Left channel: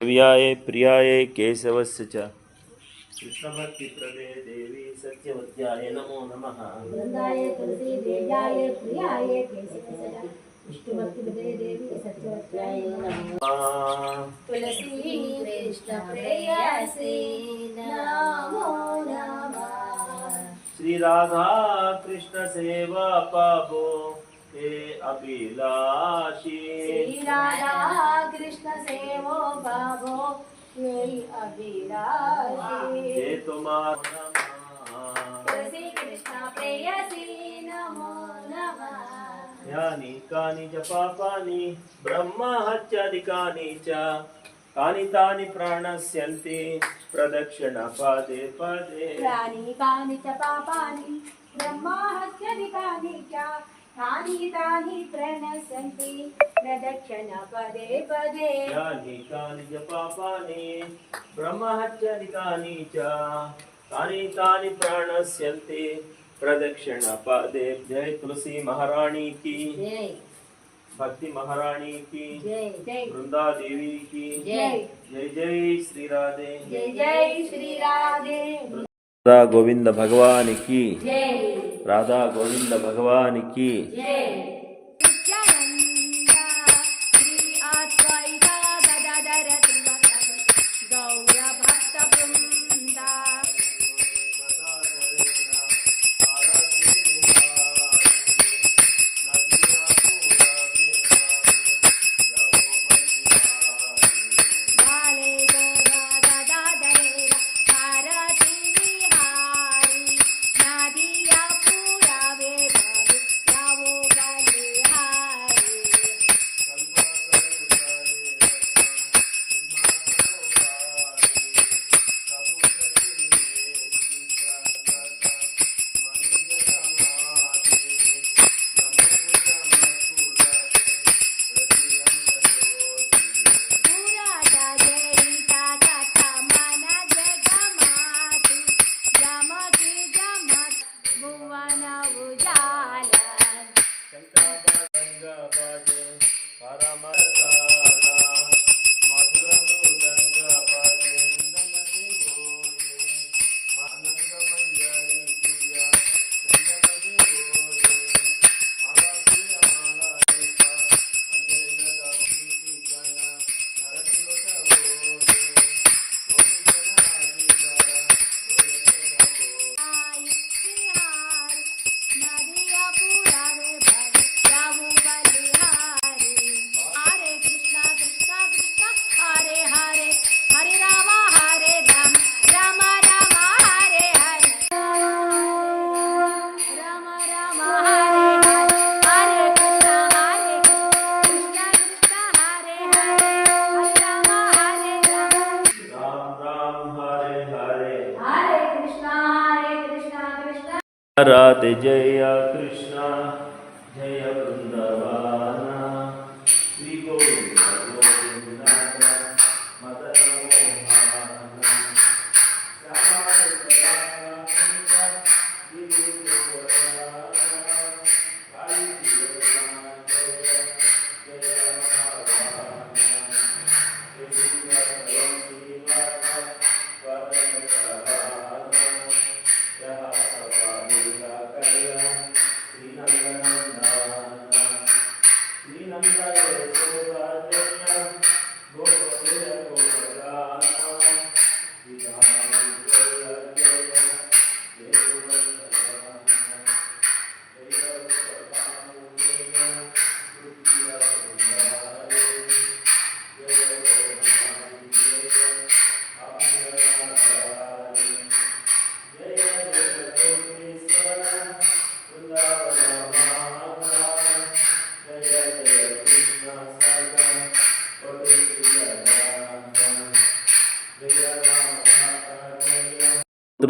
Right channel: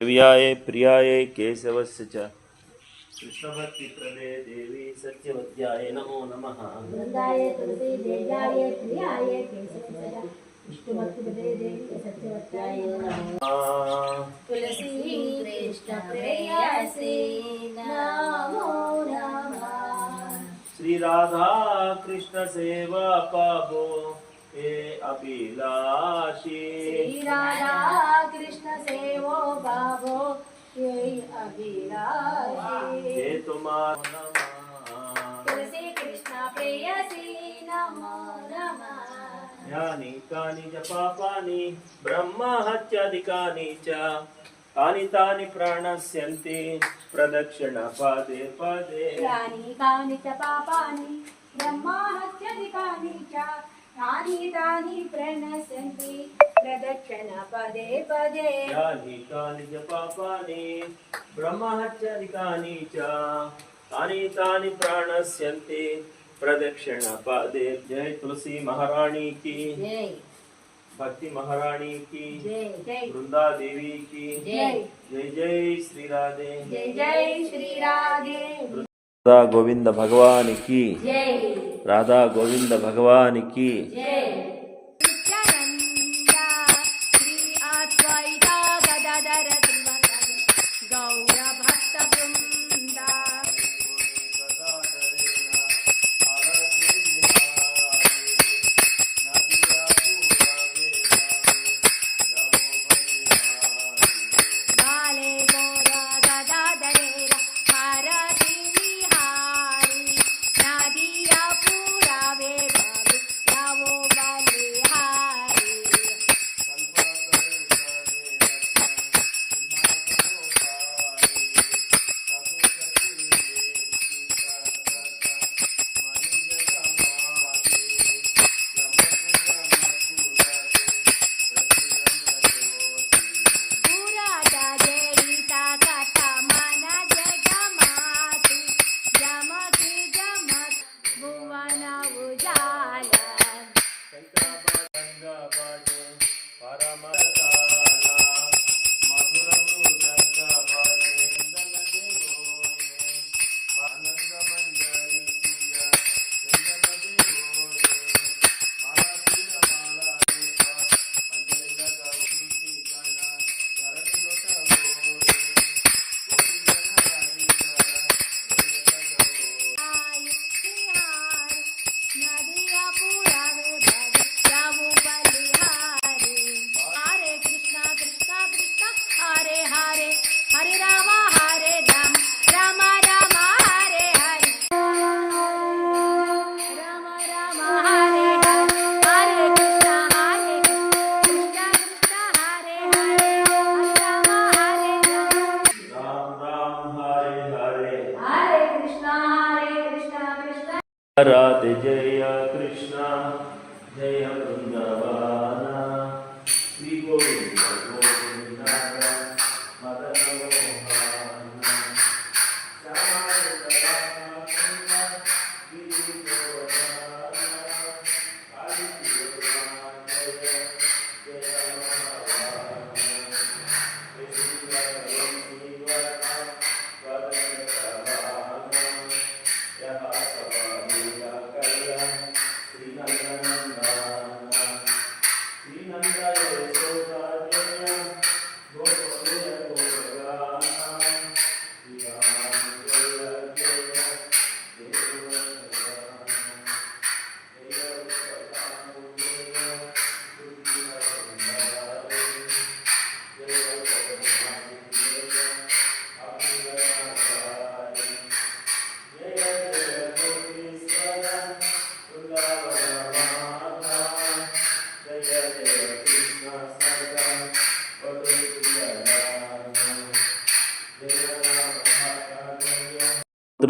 वास्तव्याय प्रियाय केशवस्य च। कृष्णभक्तिप्रदे देवी सत्यवत्याय नमो नमः। वृंदाय तुलसी देव्याय प्रियाय केशवसदा विष्णुभक्तिपदे देवी सत्यवत्याय नमः। तुलसी कृष्ण प्रेयसी नमो नमः। श्री राधा कृष्ण सेवा पाबो हे अभिलाषी श्री राधा कृष्ण सेवो बाबो ये अभिलाषी हे तुम्हारा तुलसी कृष्ण प्रेयसी नमो नमः यानि कानि च पापानि ब्रह्महत्यादिकानि च तानि तानि प्राणस्यन्ति प्रदक्षिणपदे पदे यानि कानि च पापानि ब्रह्माहत्यधिकानि च तानि तानि प्रणश्यन्ति प्रदक्षिण पदे। पदे यानि कानि च पापानि ब्रह्महत्यादिकानि च। तानि तानि प्राणस्यन्ति प्रदक्षिणपदे। जय तुलसी महारानी की। जय। भक्ति महारानी की। जय। जय। वृंदा देवी की। जय। जय जय श्री राधे। जय जय श्री राधे। राधा गोविंद भगवान की। राधा गोविंद भगवान की भक्त Tata. Uh, राधे जय कृष्णा जय वृंदवन। श्री गोविंद गोविंद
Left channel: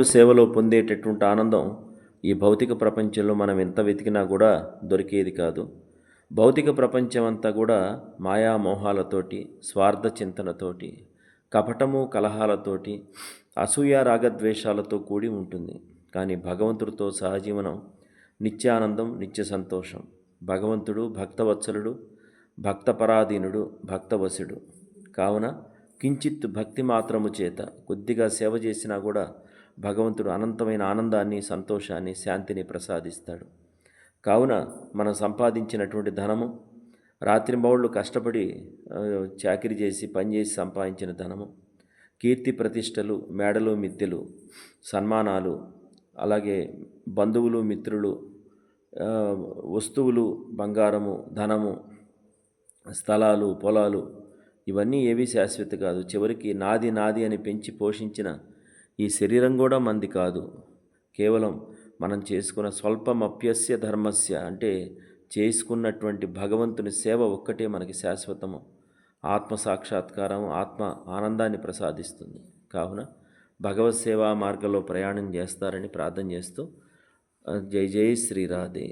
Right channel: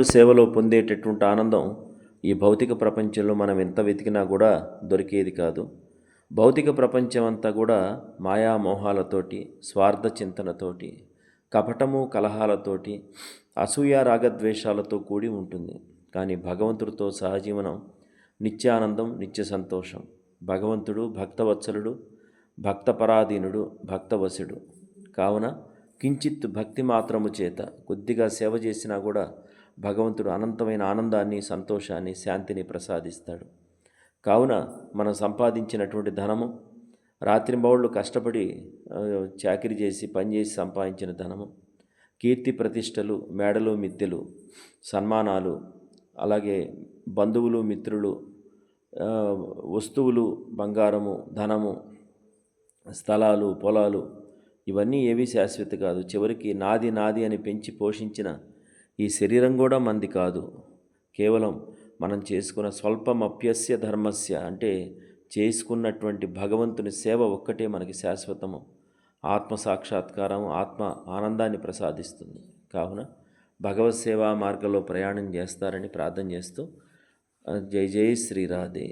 భగవంతుడి సేవలో పొందేటటువంటి ఆనందం ఈ భౌతిక ప్రపంచంలో మనం ఎంత వెతికినా కూడా దొరికేది కాదు. భౌతిక ప్రపంచం అంతా కూడా మాయామోహాలతోటి స్వార్థ చింతనతోటి కపటము కలహాలతోటి అసూయ రాగద్వేషాలతో కూడి ఉంటుంది. కానీ భగవంతుడితో సహజీవనం నిత్యానందం నిత్య సంతోషం. భగవంతుడు భక్తవత్సలుడు భక్తపరాధీనుడు భక్తవశుడు. కావున కించిత్ భక్తి మాత్రము చేత కొద్దిగా సేవ చేసినా కూడా భగవంతుడు అనంతమైన ఆనందాన్ని సంతోషాన్ని శాంతిని ప్రసాదిస్తాడు. కావున మనం సంపాదించినటువంటి ధనము రాత్రింబౌళ్ళు కష్టపడి చాకరీ చేసి పనిచేసి సంపాదించిన ధనము కీర్తి ప్రతిష్టలు మేడలు మిద్దెలు సన్మానాలు అలాగే బంధువులు మిత్రులు వస్తువులు బంగారము ధనము స్థలాలు పొలాలు ఇవన్నీ ఏవీ శాశ్వత కాదు. చివరికి నాది నాది అని పెంచి పోషించిన ఈ శరీరం కూడా మంది కాదు. కేవలం మనం చేసుకున్న స్వల్పమప్యస్య ధర్మస్య అంటే చేసుకున్నటువంటి భగవంతుని సేవ ఒక్కటే మనకి శాశ్వతము. ఆత్మ సాక్షాత్కారం ఆత్మ ఆనందాన్ని ప్రసాదిస్తుంది. కావున భగవత్ సేవా మార్గంలో ప్రయాణం చేస్తారని ప్రార్థన చేస్తూ జై జై శ్రీరాధే.